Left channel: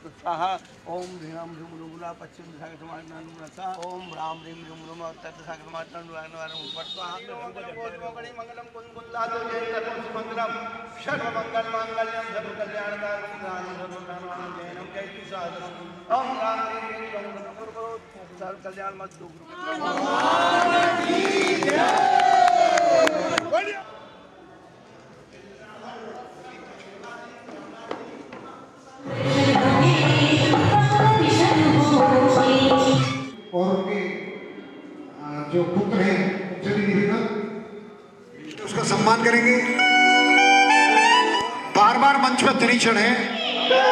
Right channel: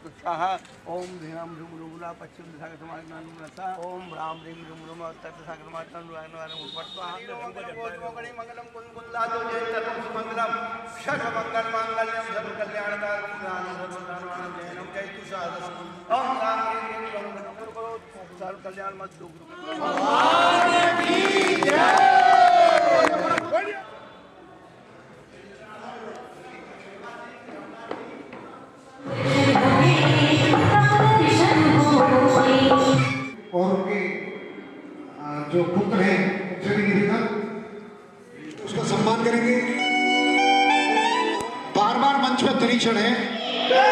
स्वाहा। ओम ह्रीं ह्रूं रूला पश्चिम दिशा के समानसा। ओम राम ह्रीं ह्रूं रूम उत्तर दिशा के समानगणी मंगलम कुंकुंदातो जयंतकम सुमंगलम सर्वमंगल मांगल्यम सर्वकल्याणकारकम सर्वधर्माणं जयनम जयतु सहस्रम। ओम राम ह्रीं ह्रूं रूम सर्वकल्याण मस्तु। और उनके जो पुत्र हैं उनसे भी निवेदन उसका सम्मान करेंगे। बार बार मंच पर निरीक्षण है। क्या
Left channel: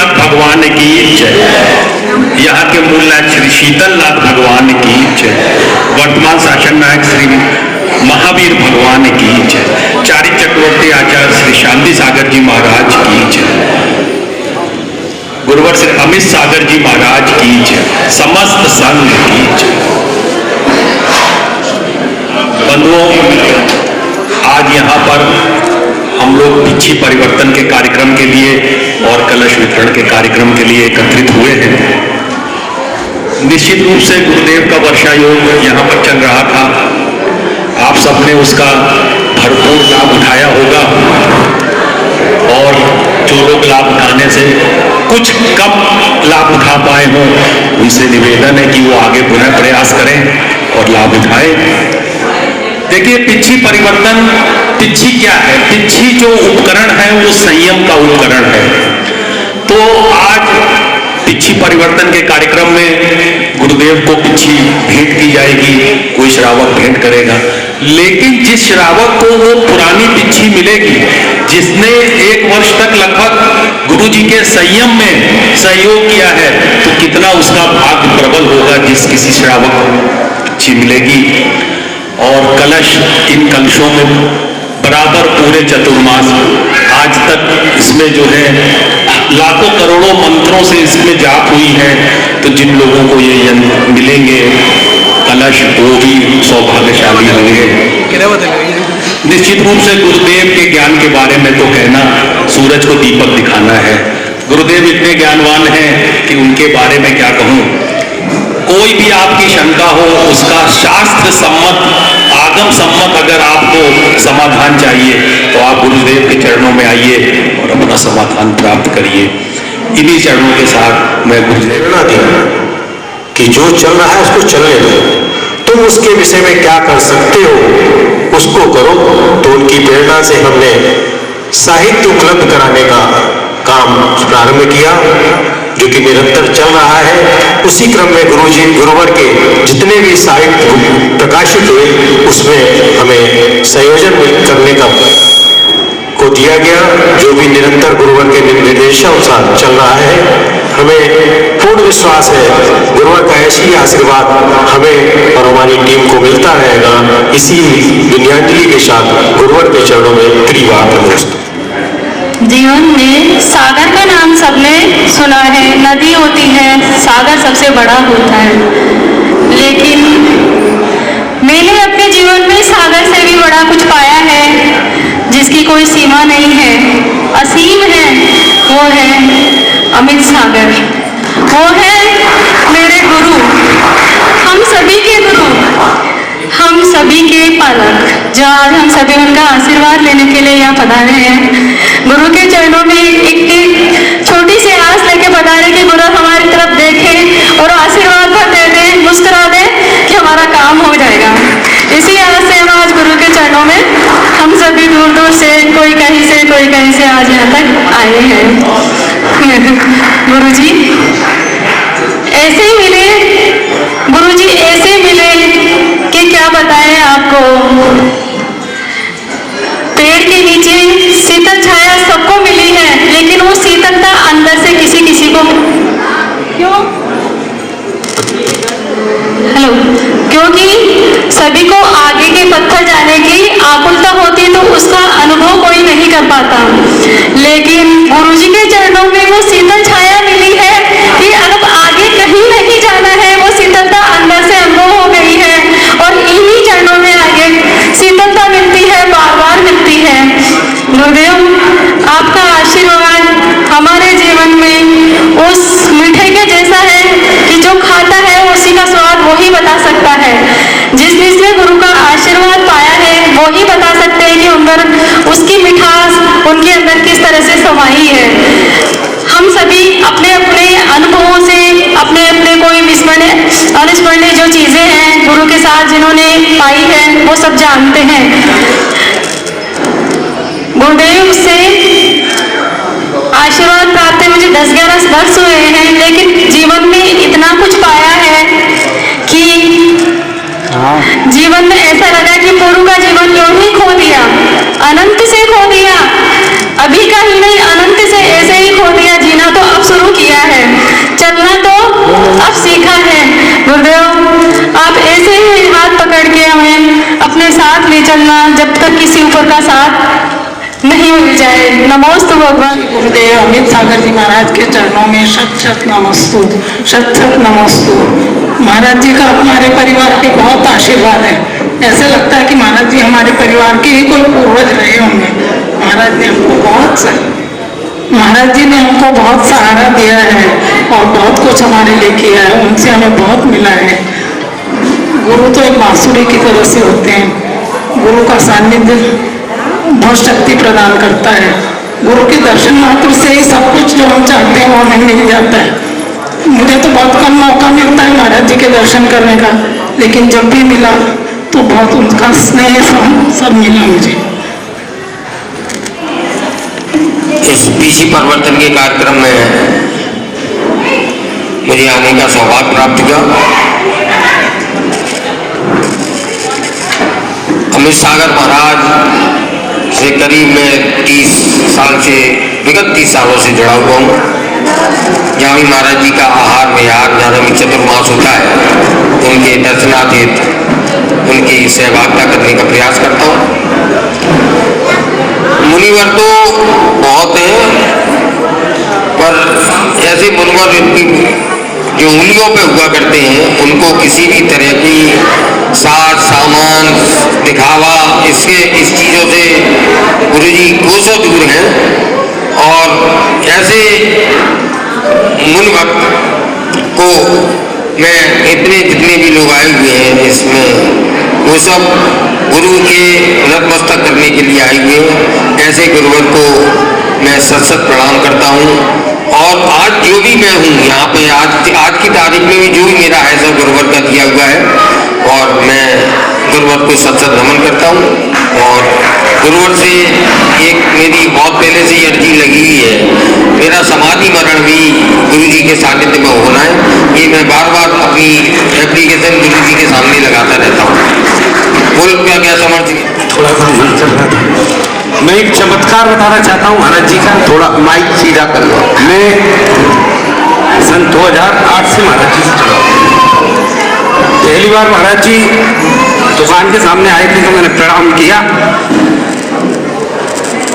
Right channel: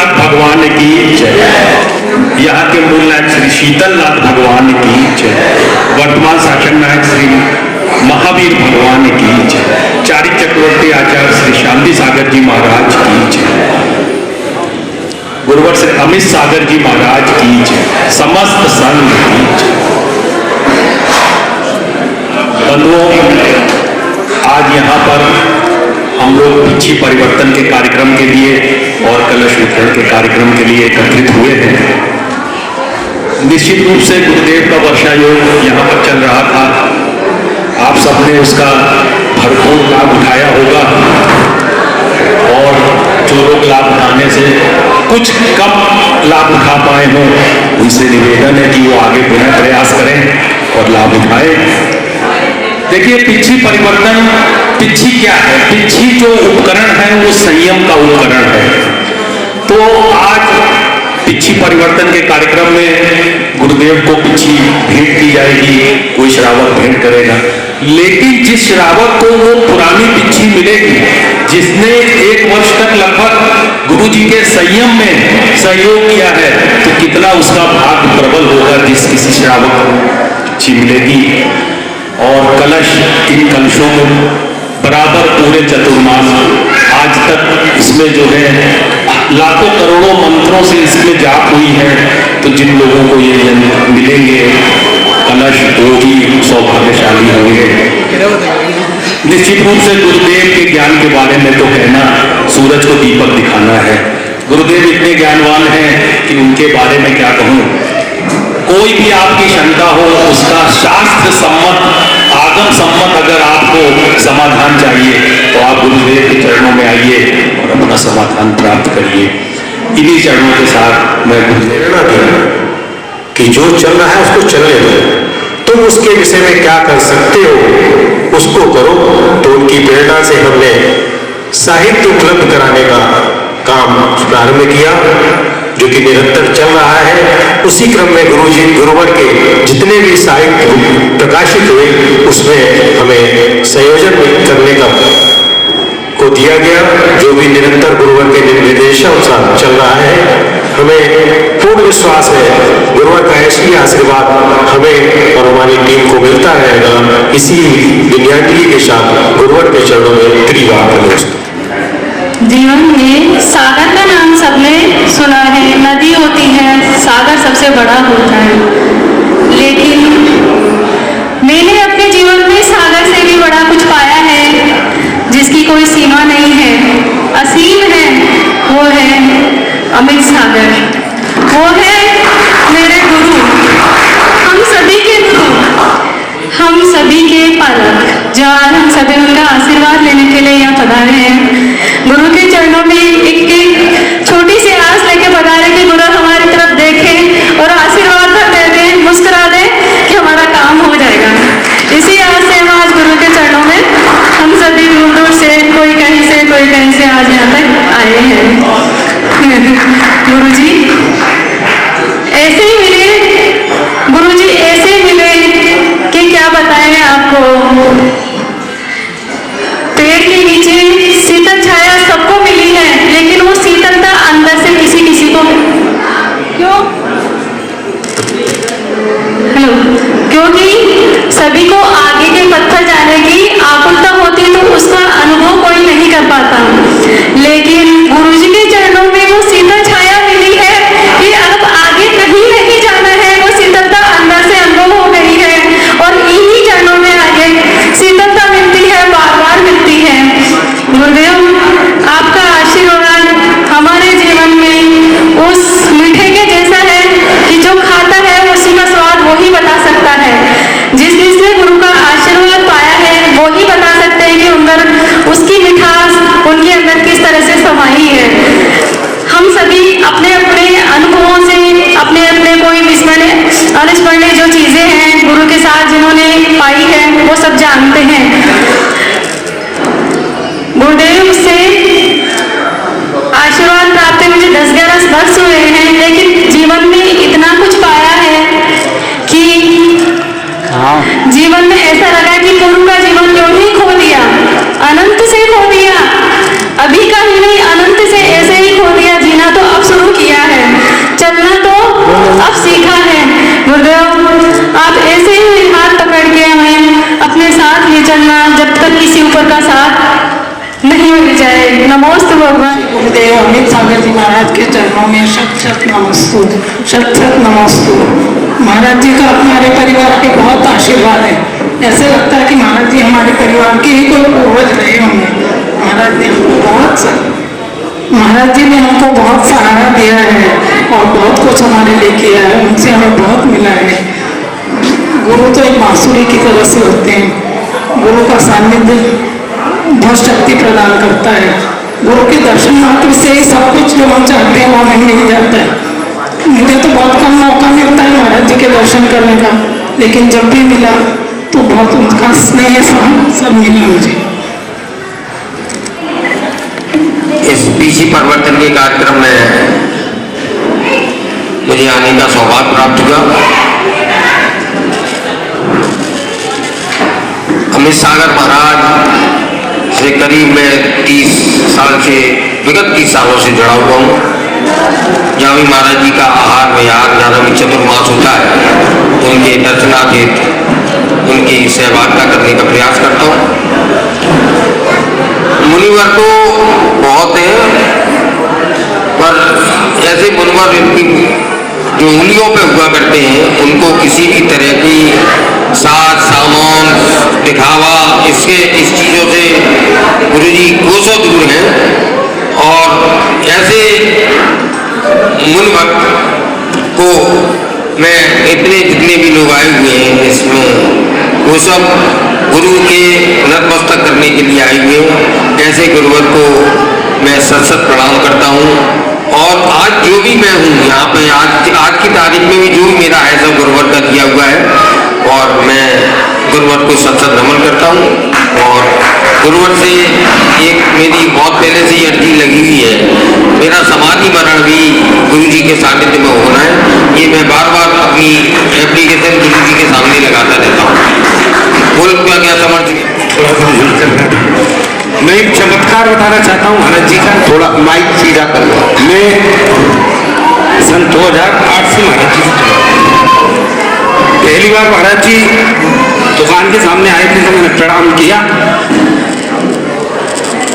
शीतलनाथ भगवान की जय। यहाँ के मूल नायक श्री शीतलनाथ भगवान की जय। वर्तमान शासन नायक श्री महावीर भगवान की जय। चारिक चक्रवर्ती आचार्य श्री शांति सागर जी महाराज की जय। गुरुवर श्री अमित सागर जी महाराज की जय। समस्त संघ की जय। बंधुओं, आज यहाँ पर हम लोग पिछी परिवर्तन के कार्यक्रम के लिए और कलश वितरण के कार्यक्रम के लिए एकत्रित हुए हैं। निश्चित रूप से गुरुदेव का वर्षा योग यहाँ पर चल रहा था। आप सबने उसका भरपूर लाभ उठाया होगा और जो लोग लाभ उठाने से कुछ कम लाभ उठा पाए हों, उनसे निवेदन है कि वो आगे पुनः प्रयास करें और लाभ उठाएं। देखिए, पिछी परिवर्तन, पिछी क्या है? पिछी जो उपकरण है वो संयम का उपकरण है। तो आज पिछी परिवर्तन के कार्यक्रम में गुरुदेव को पिछी भेंट की जाएगी, कोई श्रावक भेंट करेगा। लेकिन जिस श्रावक को वो पुरानी पिछी मिलेगी, जिसने 1 वर्ष तक लगभग गुरु जी के संयम में सहयोग किया है, तो कितना उसका भाग्य प्रबल होगा जिस किसी श्रावक को पिछी मिलेगी। और कलश, इन कलशों में बराबर पूरे चतुर्मास आज तक इसमें जो है लाखों करोड़ों मंत्रों से इसमें जाप हुई है। तो जिन लोगों को ये मिलेंगे कलश, वो ही सौभाग्यशाली होंगे। निश्चित रूप से गुरुदेव के ज्ञान के बारे में तो कहना सूरज को दीपक दिखाना है। गुरुदेव इतने ज्ञानवान हैं कि उनके बारे में क्या कहूँ। कोई भी आपकी शंका हो, उसका शास्त्र सम्मत, आगम सम्मत अगर आपको समाधान चाहिए तो आप गुरुदेव के चरणों में आइए और अपना समाधान प्राप्त करिए। इन्हीं चरणों के साथ मैं गुरुदेव कि जो चल रहा है उसको चलने दो, तुम उसके विषय में क्या कर सकते हो उसको करो। तो उनकी प्रेरणा से हमने साहित्य उपलब्ध कराने का काम प्रारंभ किया, जो कि निरंतर चल रहा है। उसी क्रम में गुरुवर के जितने भी साहित्य प्रकाशित हुए उसमें हमें संयोजन करने को दिया गया, जो भी निरंतर गुरुवर के निर्देशानुसार चल रहा है। हमें पूर्ण विश्वास है गुरुवर का ऐसी आशीर्वाद हमें और हमारी टीम को मिलता रहेगा। इसी विनयान्जलि के साथ गुरुवर के चरणों में त्रिवार नमस्ते। जीवन में सागर का नाम सबने सुना है, नदी होती है, सागर सबसे बड़ा होता है। लेकिन मैंने अपने जीवन में सागर से भी बड़ा कुछ पाया है, जिसकी कोई सीमा नहीं है, असीम है। वो है अमित सागर, वो है मेरे गुरु, हम सभी के गुरु, हम सभी के पालक, जो आज हम सभी उनका आशीर्वाद लेने के लिए यहाँ पधारे हैं। गुरु के चरणों में एक छोटी सी आस लेके पधारे कि गुरु हमारी तरफ देखें और आशीर्वाद भर दे दें, मुस्कुरा दें कि हमारा काम हो जाएगा। इसी आस से हम आज गुरु के चरणों में हम सभी दूर दूर से, कोई कहीं से कोई कहीं से आज यहाँ तक आए हैं। गुरु जी ऐसे ही मिले, गुरु जी ऐसे मिले कि क्या बताएं आपको। पेड़ के नीचे शीतल छाया सबको मिली है, लेकिन वो शीतलता अंदर से किसी किसी को क्यों? हेलो, क्योंकि सभी को आगे के पत्थर जाने की आकुलता होती, तो उसका अनुभव कोई नहीं कर पाता। लेकिन गुरुजी के चरणों में वो शीतल छाया मिली है कि अब आगे कहीं नहीं जाना है, वो शीतलता अंदर से अनुभव हो गई है और इन्हीं चरणों में आगे शीतलता मिलती है, बार बार मिलती है। गुरुदेव आपका आशीर्वाद हमारे जीवन में उस मीठे के जैसा है कि जो खाता है उसी का स्वाद वो ही बता सकता है। जिसने गुरु का आशीर्वाद पाया है वो ही बता सकते हैं कि अंदर उसकी मिठास उनके अंदर किस तरह से समाई है। हम सभी अपने अपने अनुभवों से, अपने अपने कोई अविस्मरणीय जो चीजें हैं गुरु के साथ जिन्होंने पाई है, वो सब जानते हैं। गुरुदेव से आशीर्वाद प्राप्त मुझे 10-11 वर्ष हुए हैं, लेकिन जीवन में इतना कुछ पाया है कि जीवन में ऐसा लगा कि गुरु का जीवन क्यों ही खो दिया, अनंत से खो दिया, अभी का ही नहीं अनंत से ऐसे ही खो दिया। जीना तो अब अब सीखा है। गुरुदेव आप ऐसे ही हाथ पकड़ के हमें अपने साथ ले चलना जब तक किसी ऊपर का साथ नहीं मिल जाए। नमोस्तु भगवान। गुरुदेव अमित सागर जी महाराज के चरणों में शत शत नमस्तु, शत शत नमस्तु। महाराज जी का हमारे परिवार के बहुत आशीर्वाद है। ऐसे लगता है कि महाराज जी हमारे परिवार के ही कोई पूर्वज रहे होंगे। महाराज जी ने हमको बहुत सहारा दिया है और बहुत कुछ हमारे लिए किया है। उनसे हमें बहुत मिला है। गुरु तो एक बांसुरी की तरह से होते हैं। गुरु का सानिध्य बहुत शक्ति प्रदान करता है। गुरु के दर्शन मात्र से ही सब कुछ जो हम चाहते हैं वो हमें मिल जाता है। मुझे तो बहुत कम मौका मिलता है महाराज जी के दर्शन करने का, लेकिन जब भी मिला तो बहुत उनका स्नेह सब मिला मुझे। इस पीसी परिवर्तन के कार्यक्रम में मुझे आने का सौभाग्य प्राप्त हुआ। अमित सागर महाराज से करीब मैं 30 साल से, विगत 30 सालों से जुड़ा हुआ हूँ। जहाँ भी महाराज जी का आहार विहार धार्मिक चतुर्मास होता है तो उनके दर्शनार्थ उनकी सहभागिता करने का प्रयास करता हूँ। मुनिवर तो बहुत हैं, पर ऐसे मुनिवर जो उंगलियों पे हुआ करते हैं उनको किसी भी तरह की साज सामान दिखावा इस चीज़ों से गुरु जी कोसों दूर हैं। और ऐसे मुनिवर को मैं जितने भी लोग आए हुए हैं इसमें वो सब गुरु के नतमस्तक करने के लिए आए हुए हैं। ऐसे गुरुवर को मैं सत प्रणाम करता हूँ। और आज जो भी मैं हूँ यहाँ पे आज की तारीख में भी जो भी मेरा है सब गुरुवर का दिया हुआ है और मैं गुरुवर को सत नमन करता हूँ। और गुरुवर से एक मेरी बहुत पहले से अर्जी लगी हुई है, मेरा समाधि मरण भी गुरु जी के सानिध्य में होना है। ये मैं बार बार अपनी एप्लीकेशन गुरु जी के सामने लगाता रहता हूँ। बोल का क्या समझ मैं एक चमत्कार बताना चाहता हूँ महाराज जी का। थोड़ा माइक सीधा कर लो। मैं सन 2008 से महाराज जी से पहली बार महाराज जी दुकान के सामने आए थे तो मैंने प्रणाम किया।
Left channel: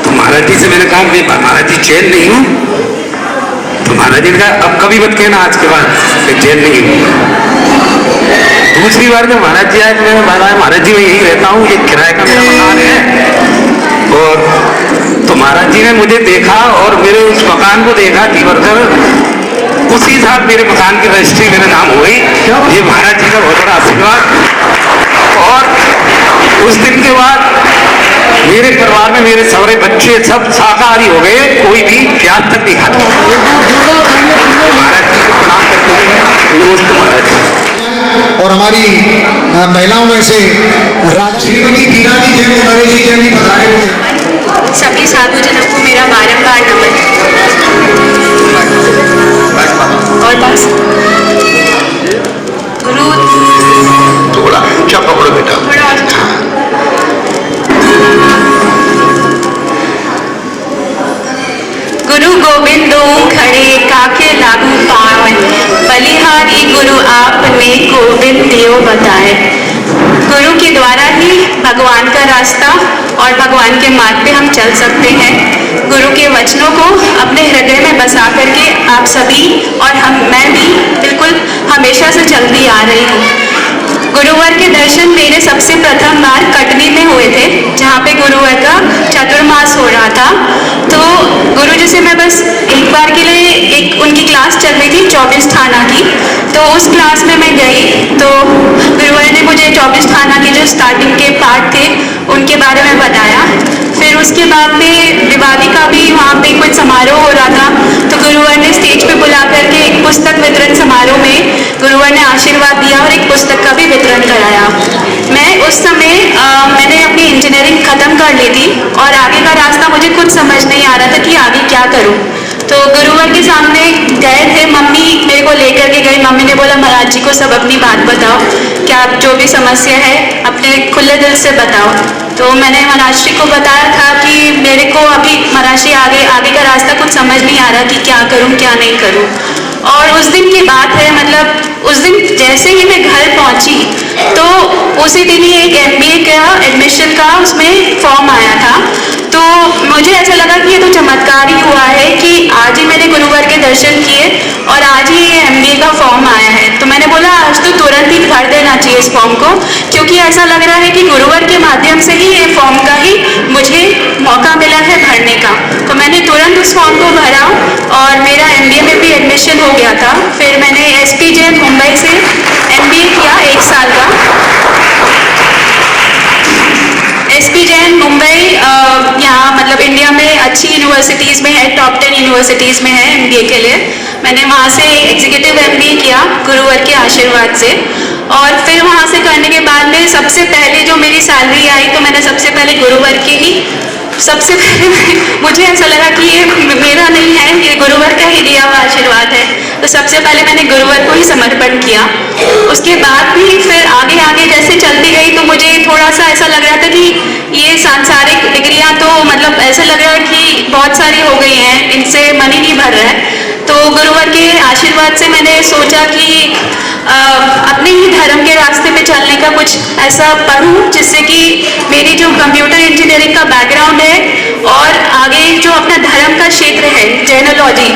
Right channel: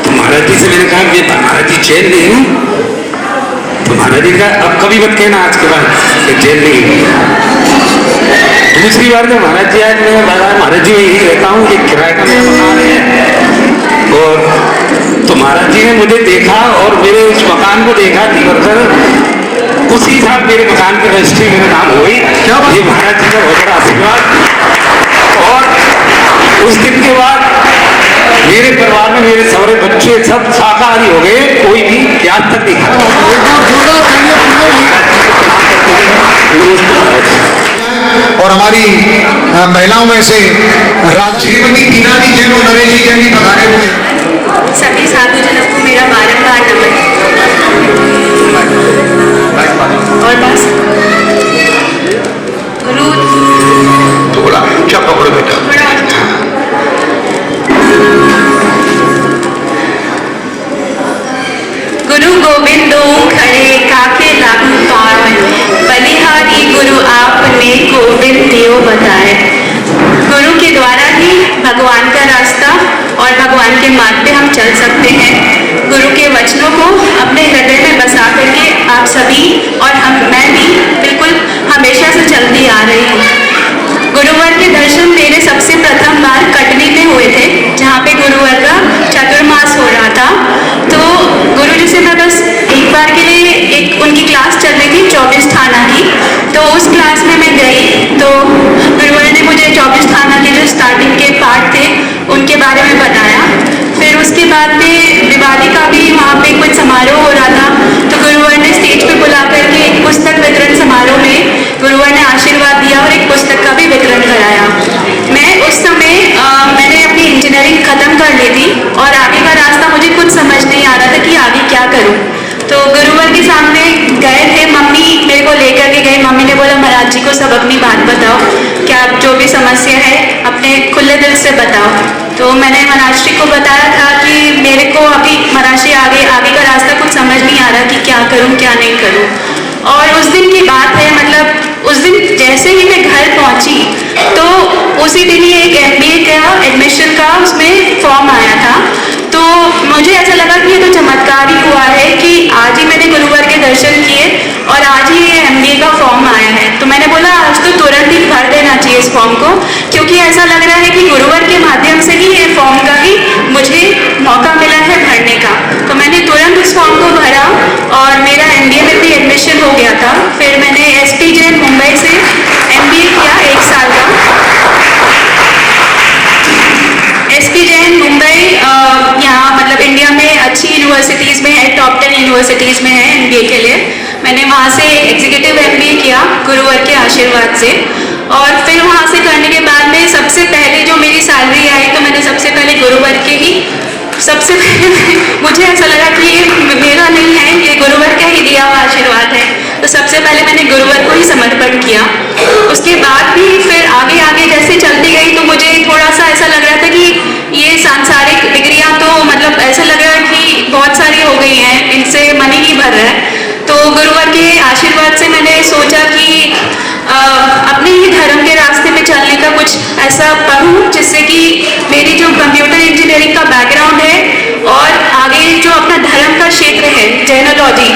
तो महाराज जी से मैंने कहा कि महाराज जी चैन नहीं हूँ। तो महाराज जी ने कहा अब कभी मत कहना आज के बाद कि चैन नहीं हूँ। दूसरी बार जब महाराज जी आए तो मैंने बताया महाराज जी मैं यही रहता हूँ, ये किराए का मेरा मकान है। और तो महाराज जी ने मुझे देखा और मेरे उस मकान को देखा तीवर कर उसी साल मेरे मकान की रजिस्ट्री मेरे नाम हो गई। ये महाराज जी का बहुत बड़ा आशीर्वाद। और उस दिन के बाद मेरे परिवार में मेरे सारे बच्चे सब शाकाहारी हो गए, कोई भी प्याज तक नहीं खाता। महाराज जी को प्रणाम करते हैं। और हमारी महिलाओं में से श्रीमती टीना जी जैन और नरेश जी जैन भी बताए। सभी साधुजनों को मेरा बारंबार नमन। और बस गुरु थोड़ा ऊंचा पकड़ो बेटा। गुरु गोविंदो खड़े काके लागू पावन, बलिहारी गुरु आपने गोविंद दियो बताए। गुरु के द्वारा ही भगवान का रास्ता और भगवान के मार्ग पे हम चल सकते हैं। गुरु के वचनों को अपने हृदय में बसा करके आप सभी और मैं भी बिल्कुल हमेशा से चलती आ रही हूँ। गुरुवर के दर्शन मेरे सबसे प्रथम बार कटनी में हुए थे, जहाँ पे गुरुवर का चतुर्मास हो रहा था। तो गुरु जी से मैं बस एक बार के लिए एक उनकी क्लास चल रही थी 24 थाना की, तो उस क्लास में मैं गई तो गुरुवर ने मुझे 24 थाना के जो स्टार्टिंग के पार्ट थे उनके बारे में बताया। फिर उसके बाद में दिवाली का भी वहाँ पे कुछ समारोह हो रहा था, तो गुरुवर ने स्टेज पे बुला करके एक पुस्तक वितरण समारोह में गुरुवर ने आशीर्वाद दिया और एक पुस्तक का भी वितरण कराया। मैं उस समय मैंने अपनी इंजीनियरिंग खत्म कर ली थी और आगे का रास्ता मुझे कुछ समझ नहीं आ रहा था कि आगे क्या करूं। तो गुरुवर के सामने गए थे, मम्मी मेरे को लेकर के गई। मम्मी ने बोला महाराज जी को सब अपनी बात बताओ, क्या जो भी समस्या है अपने खुले दिल से बताओ। तो मैंने महाराज जी को बताया था कि मेरे को अभी महाराज जी आगे का रास्ता कुछ समझ नहीं आ रहा कि क्या करूं क्या नहीं करूं। और उस दिन की बात है, मतलब उस दिन जैसे ही मैं घर पहुंची तो उसी दिन ही एक MBA का एडमिशन का उसमें फॉर्म आया था। तो मुझे ऐसा लगा कि ये तो चमत्कार ही हुआ है कि आज ही मैंने गुरुवर के दर्शन किए और आज ही ये MBA का फॉर्म आया है। तो मैंने बोला आज तो तुरंत ही भर देना चाहिए इस फॉर्म को, क्योंकि ऐसा लग रहा है कि गुरुवर के माध्यम से ही ये फॉर्म का ही मुझे मौका मिला है भरने का। तो मैंने तुरंत इस फॉर्म को भरा और मेरा MBA में भी एडमिशन हो गया था। फिर मैंने SP जैन मुंबई से MBA किया 1 साल का। SP जैन मुंबई यहाँ मतलब इंडिया में अच्छी यूनिवर्सिटीज़ में है, टॉप 10 यूनिवर्सिटीज़ में है MBA के लिए। मैंने वहाँ से एग्जीक्यूटिव MBA किया गुरुवर के आशीर्वाद से। और फिर वहाँ से करने के बाद में सबसे पहले जो मेरी सैलरी आई तो मैंने सबसे पहले गुरुवर के ही सबसे पहले मुझे ऐसा लगा कि ये मेरा नहीं है, ये गुरुवर का ही दिया हुआ आशीर्वाद है। तो सबसे पहले मैंने गुरुवर को ही समर्पण किया। उसके बाद भी फिर आगे आगे जैसे चलती गई तो मुझे थोड़ा सा ऐसा लग रहा था कि ये सांसारिक डिग्रियां तो मतलब ऐसा लग रहा है कि बहुत सारी हो गई हैं, इनसे मन ही नहीं भर रहा है। तो गुरुवर के आशीर्वाद से मैंने सोचा कि अपने ही धर्म के रास्ते पे चलने का कुछ ऐसा करूं जिससे कि मेरी जो कंप्यूटर इंजीनियरिंग का बैकग्राउंड है और आगे जो अपना धर्म का क्षेत्र है जैनोलॉजी,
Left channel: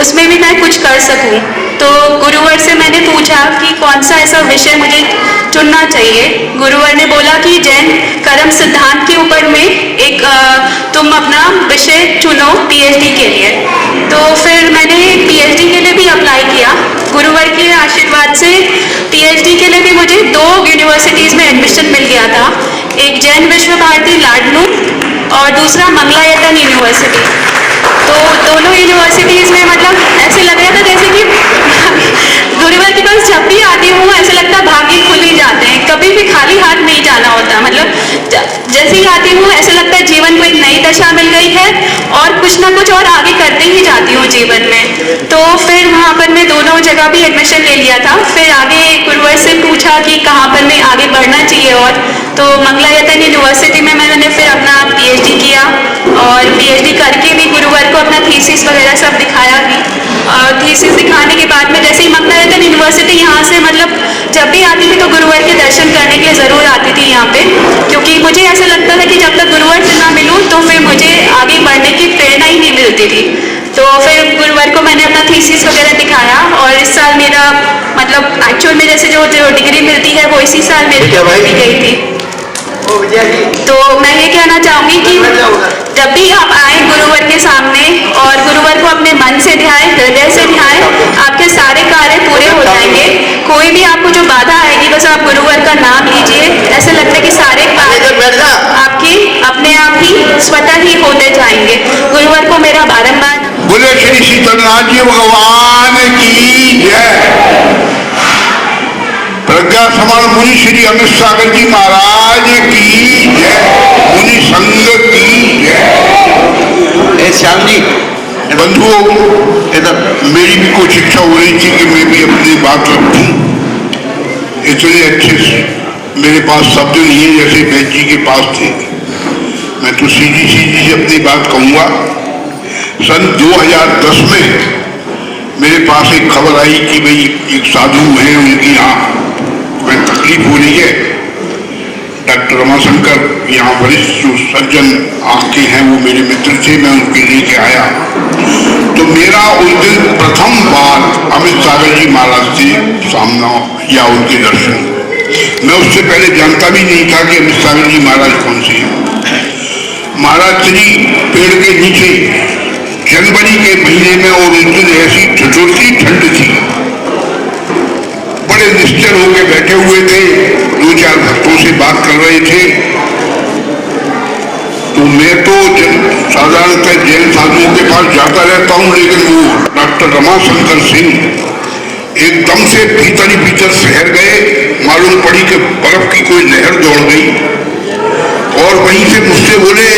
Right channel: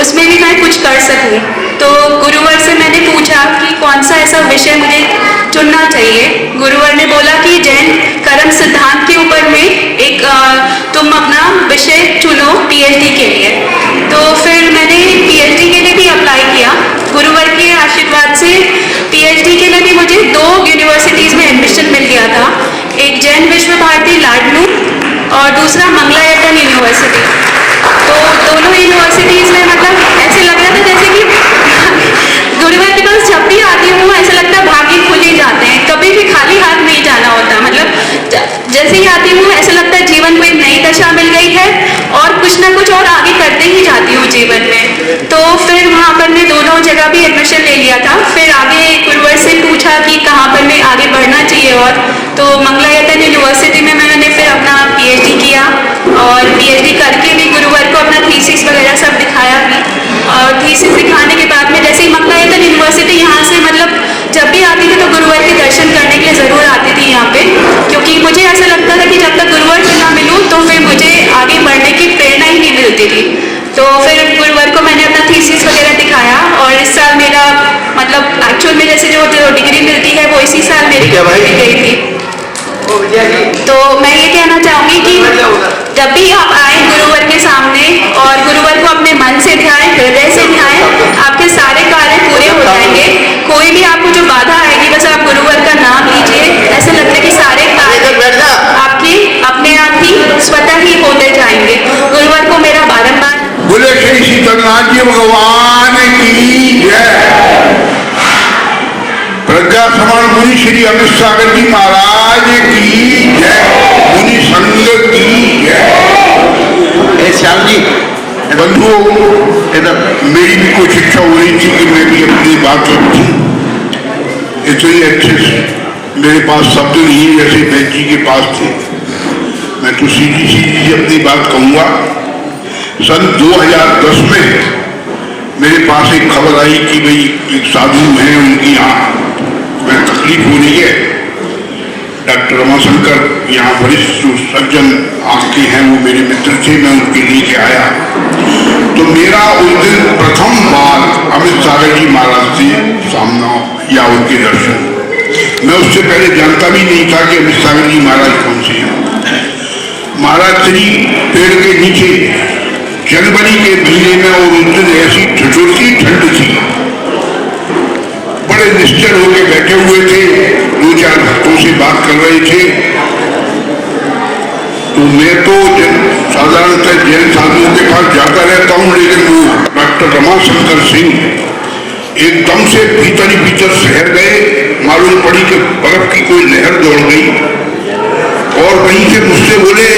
उसमें भी मैं कुछ कर सकूं। तो गुरुवर से मैंने पूछा कि कौन सा ऐसा विषय मुझे चुनना चाहिए। गुरुवर ने बोला कि जैन कर्म सिद्धांत के ऊपर में एक तुम अपना विषय चुनो PhD के लिए। तो फिर मैंने PhD के लिए भी अप्लाई किया। गुरुवर के आशीर्वाद से PhD के लिए भी मुझे 2 यूनिवर्सिटीज़ में एडमिशन मिल गया था, एक जैन विश्व भारती लाडनू और दूसरा मंगलायतन यूनिवर्सिटी। तो दोनों यूनिवर्सिटीज़ में मतलब ऐसे लग रहा था जैसे कि गुरुवर के पास जब भी आती हूँ ऐसा लगता भाग्य खुल ही जाते हैं, कभी भी खाली हाथ नहीं जाना होता। मतलब जैसे ही आती हूँ ऐसा लगता है जीवन को एक नई दशा मिल गई है और कुछ ना कुछ और आगे करते ही जाती हूँ जीवन में। तो फिर वहाँ पर मैं दोनों जगह भी एडमिशन ले लिया था। फिर आगे गुरुवर से पूछा कि कहाँ पर मैं आगे बढ़ना चाहिए, और तो मंगलायतन यूनिवर्सिटी में मैंने फिर अपना PhD किया और PhD करके भी गुरुवर को अपना थीसिस वगैरह सब दिखाया भी। और थीसिस दिखाने के बाद में जैसे ही मंगलायतन यूनिवर्सिटी यहाँ से मतलब जब भी आती थी तो गुरुवर के दर्शन करने के लिए ज़रूर आती थी यहाँ पे, क्योंकि मुझे ऐसा लगता था कि जब तक गुरुवर से ना मिलूँ तो फिर मुझे आगे बढ़ने की प्रेरणा ही नहीं मिलती थी। तो फिर गुरुवर को मैंने अपना थीसिस वगैरह दिखाया और इस साल मेरा मतलब एक्चुअल में जैसे जो डिग्री मिलती है वो इसी साल मेरी मिल गई थी। तो मैं ये कहना चाहूँगी कि जब भी आप आए गुरुवर के सामने और गुरुवर को अपने मन से ध्याएं, हृदय से ध्याएं, आपके सारे कार्य पूरे हो जाएंगे। कोई भी आपको जो बाधा आएगी बस आप गुरुवर का नाम लीजिए, ऐसे लगता है कि सारे कार्य आपके अपने आप ही स्वतः ही होते जाएंगे। गुरुवर को मेरा बारंबार बोले श्री शीतलनाथ जी भगवान की जय। प्रज्ञा समण मुनि श्री अमित सागर जी महाराज की जय, मुनि संघ की जय। श्यामजी बंधुओं, मेरी भी कोई इच्छा हो रही थी कि मैं भी अपनी बात रखूं। इतनी अच्छे मेरे पास शब्द नहीं है जैसे वैद्य जी के पास थे। मैं तो सीधी सीधी अपनी बात कहूँगा। सन 2010 में मेरे पास एक खबर आई कि भाई एक साधु हैं, उनकी यहाँ तकलीफ हो रही है। डॉक्टर रमाशंकर यहाँ वरिष्ठ जो सर्जन आपके हैं वो मेरे मित्र थे, मैं उनके लेके आया। तो मेरा उस दिन प्रथम बार अमित सागर जी महाराज से सामना या उनके दर्शन। मैं उससे पहले जानता भी नहीं था कि अमित सागर जी महाराज कौन से हैं। महाराज श्री पेड़ के नीचे जनवरी के महीने में और उस दिन ऐसी ठिठुरती ठंड थी, बड़े निश्चल होकर बैठे हुए थे, 2-4 भक्तों से बात कर रहे थे। तो मैं तो साधारणतः जैन साधुओं के पास जाता रहता हूँ, लेकिन वो डॉक्टर रमाशंकर सिंह एकदम से भीतर ही भीतर शहर गए। मालूम पड़ी कि बर्फ की कोई लहर दौड़ गई और वहीं से मुझसे बोले,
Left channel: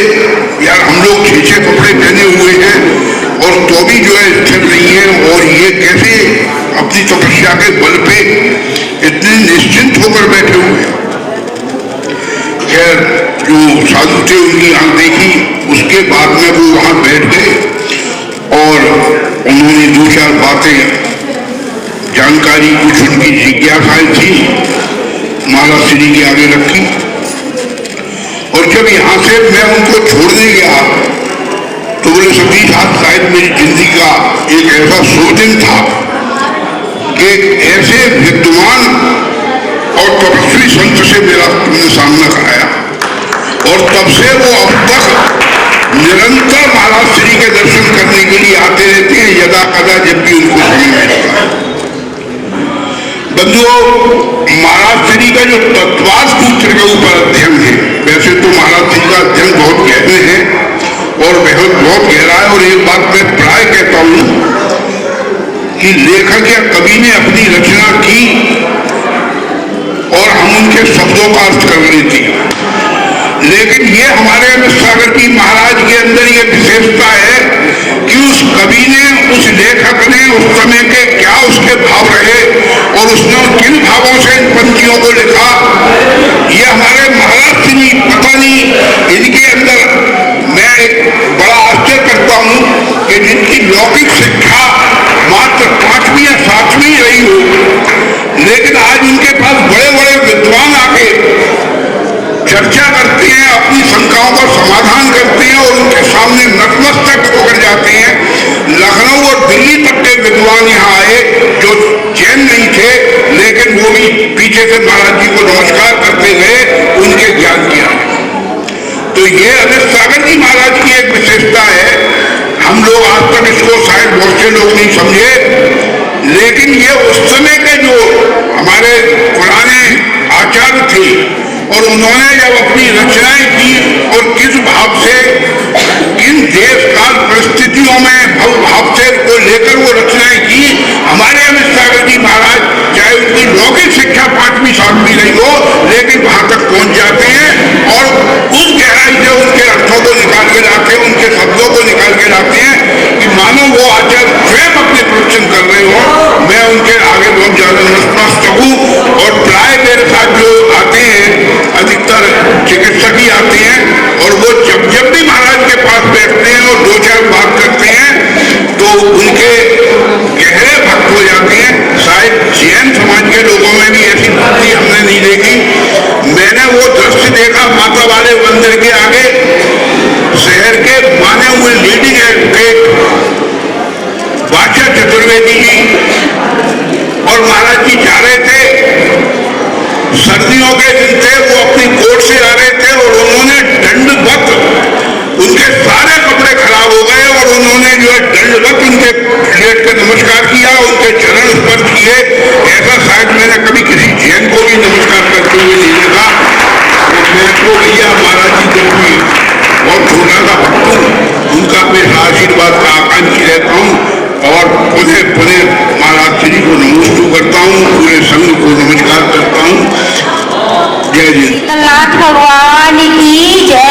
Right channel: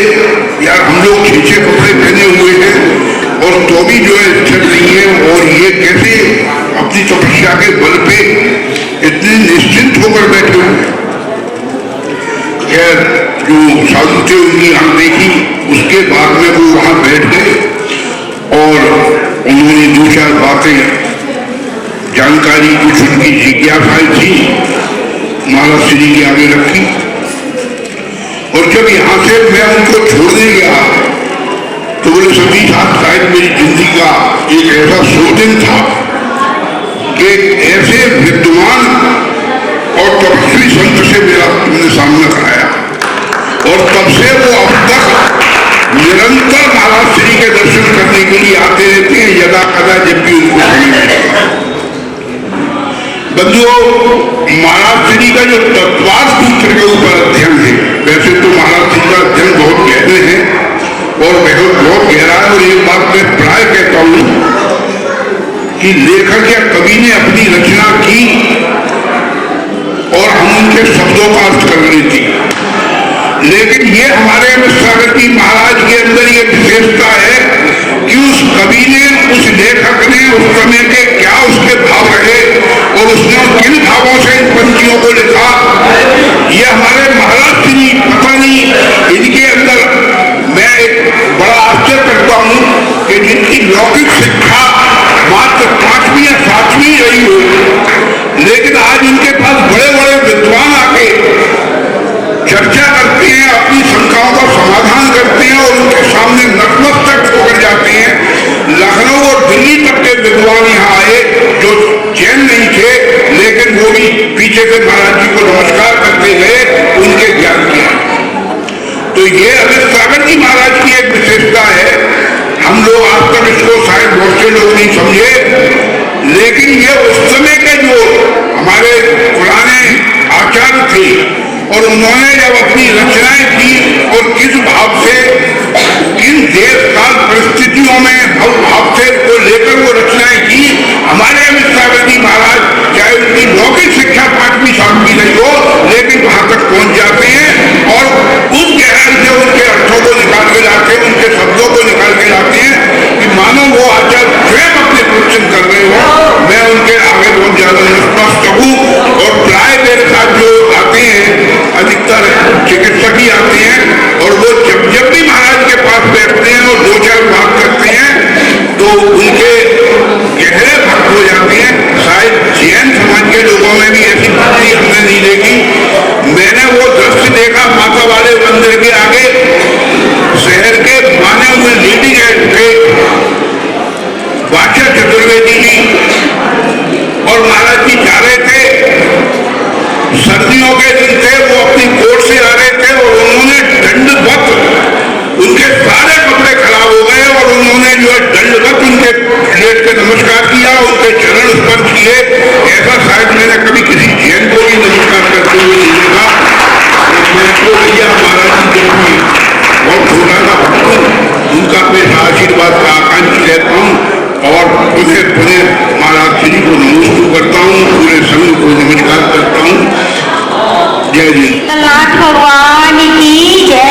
यार हम लोग छीछे कपड़े पहने हुए हैं और तो भी जो है स्थिर नहीं है, और ये कैसे अपनी तपस्या के बल पे इतने निश्चिंत होकर बैठे हुए। खैर जो साधु थे उनकी आंख देखी, उसके बाद में वो वहाँ बैठ गए और उन्होंने 2-4 बातें जानकारी कुछ उनकी जिज्ञासाएं थी, माला श्री के आगे रखी। और जब यहां से मैं उनको छोड़ने गया तो बोले सभी साहब, शायद मेरी जिंदगी का एक ऐसा शुभ दिन था, एक ऐसे विद्वान और तपस्वी संत से मेरा तुमने सामना कराया। और तब से वो अब तक निरंतर महाराज श्री के दर्शन करने के लिए आते रहते हैं, यदा कदा जब भी उनको समय मिलता। बंधुओं, महाराज श्री का जो तत्वार्थ सूत्र के ऊपर अध्ययन है, वैसे तो महाराज श्री का अध्ययन बहुत गहरे है और बहुत गहरा है। और एक बात मैं प्राय कहता हूं कि लेखक या कवि ने अपनी रचना की और हम उनके शब्दों का अर्थ कर लेते, लेकिन ये हमारे अमित सागर जी महाराज के अंदर ये विशेषता है कि उस कवि ने, उस लेखक ने उस समय के क्या उसके भाव रहे और उसने किन भावों से इन पंक्तियों को लिखा, ये हमारे महाराज श्री पता नहीं इनके अंदर। मैं एक बड़ा आश्चर्य करता हूं कि जिनकी लौकिक शिक्षा मात्र 5वीं या 7वीं रही हो, लेकिन आज उनके पास बड़े बड़े विद्वान आके चर्चा करते हैं, अपनी शंकाओं का समाधान करते हैं और उनके सामने नतमस्तक होकर जाते हैं। लखनऊ और दिल्ली तक के विद्वान यहाँ आए जो जैन नहीं थे, लेकिन वो भी पीछे से महाराज जी को नमस्कार करते गए उनके ज्ञान के आए। तो ये अमित सागर जी महाराज की एक विशेषता है। हम लोग आज तक इसको शायद बहुत से लोग नहीं समझे, लेकिन ये उस समय के जो हमारे पुराने आचार्य थे और उन्होंने जब अपनी रचनाएं की और किस भाव से, किन देश काल परिस्थितियों में भाव से को लेकर वो रचनाएं की, हमारे अमित सागर जी महाराज चाहे उनकी लौकिक शिक्षा 5वीं 7वीं रही हो, लेकिन वहां तक पहुंच जाते हैं और उस गहराई से उनके अर्थों को निकाल के लाते हैं, उनके शब्दों को निकाल के लाते हैं कि मानो वो आचार्य स्वयं अपने प्रवचन कर रहे हो। मैं उनके आगे बहुत ज्यादा नतमस्तक हूँ और प्राय मेरे साथ जो आते हैं अधिकतर चिकित्सक ही आते हैं और वो जब भी महाराज के पास बैठते हैं और 2-4 बात करते हैं तो उनके गहरे भक्त हो जाते हैं। शायद जैन समाज के लोगों में भी ऐसी भक्ति हमने नहीं देखी। मैंने वो दृश्य देखा माता वाले मंदिर के आगे, शहर के माने हुए लीडिंग एडवोकेट वाचा चतुर्वेदी जी और महाराज जी जा रहे थे, सर्दियों के दिन थे, वो अपनी कोर्ट से आ रहे थे और उन्होंने दंडवत, उनके सारे कपड़े खराब हो गए और उन्होंने जो है दंडवत उनके लेट के नमस्कार किया, उनके चरण स्पर्श किए। ऐसा शायद मैंने कभी किसी जैन को भी नमस्कार करते हुए नहीं देखा। तो भैया महाराज जी को बहुत छोटा सा भक्त हूँ, उनका मैं आशीर्वाद का आकांक्षी रहता हूँ और पुनः महाराज श्री को नमस्कार करता हूँ, पूरे संघ को नमस्कार करता हूँ। जय जी नाथ भगवान की जय।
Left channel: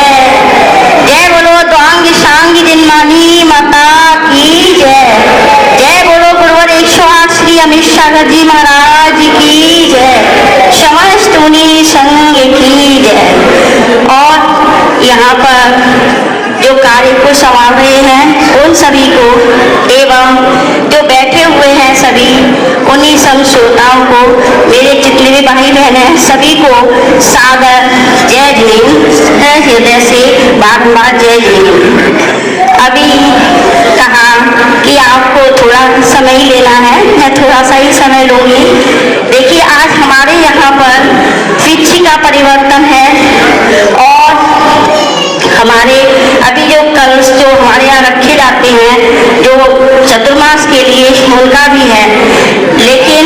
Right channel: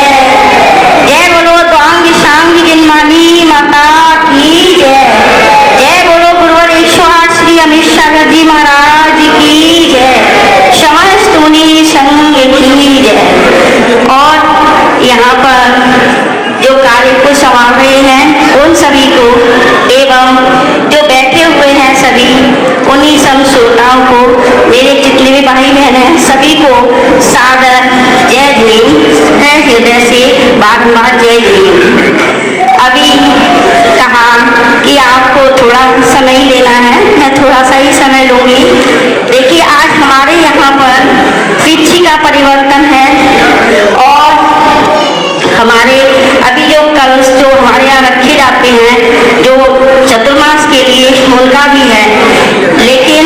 जय बोलो द्वांग सांग जिनमानी माता की जय। जय बोलो गुरुवर 108 श्री अमित सागर जी महाराज की जय। समस्त मुनि संघ की जय। और यहाँ पर जो कार्य को संभाल रहे हैं उन सभी को एवं जो बैठे हुए हैं सभी उन्हीं सब श्रोताओं को, मेरे जितने भी भाई बहन हैं सभी को सादर जय भीम है, हृदय से बारंबार जय भीम। अभी कहा कि आपको थोड़ा समय लेना है, मैं थोड़ा सा ही समय लूंगी। देखिए आज हमारे यहाँ पर तिथि का परिवर्तन है और हमारे अभी जो कलश जो हमारे यहाँ रखे जाते हैं जो चतुर्मास के लिए उनका भी है, लेकिन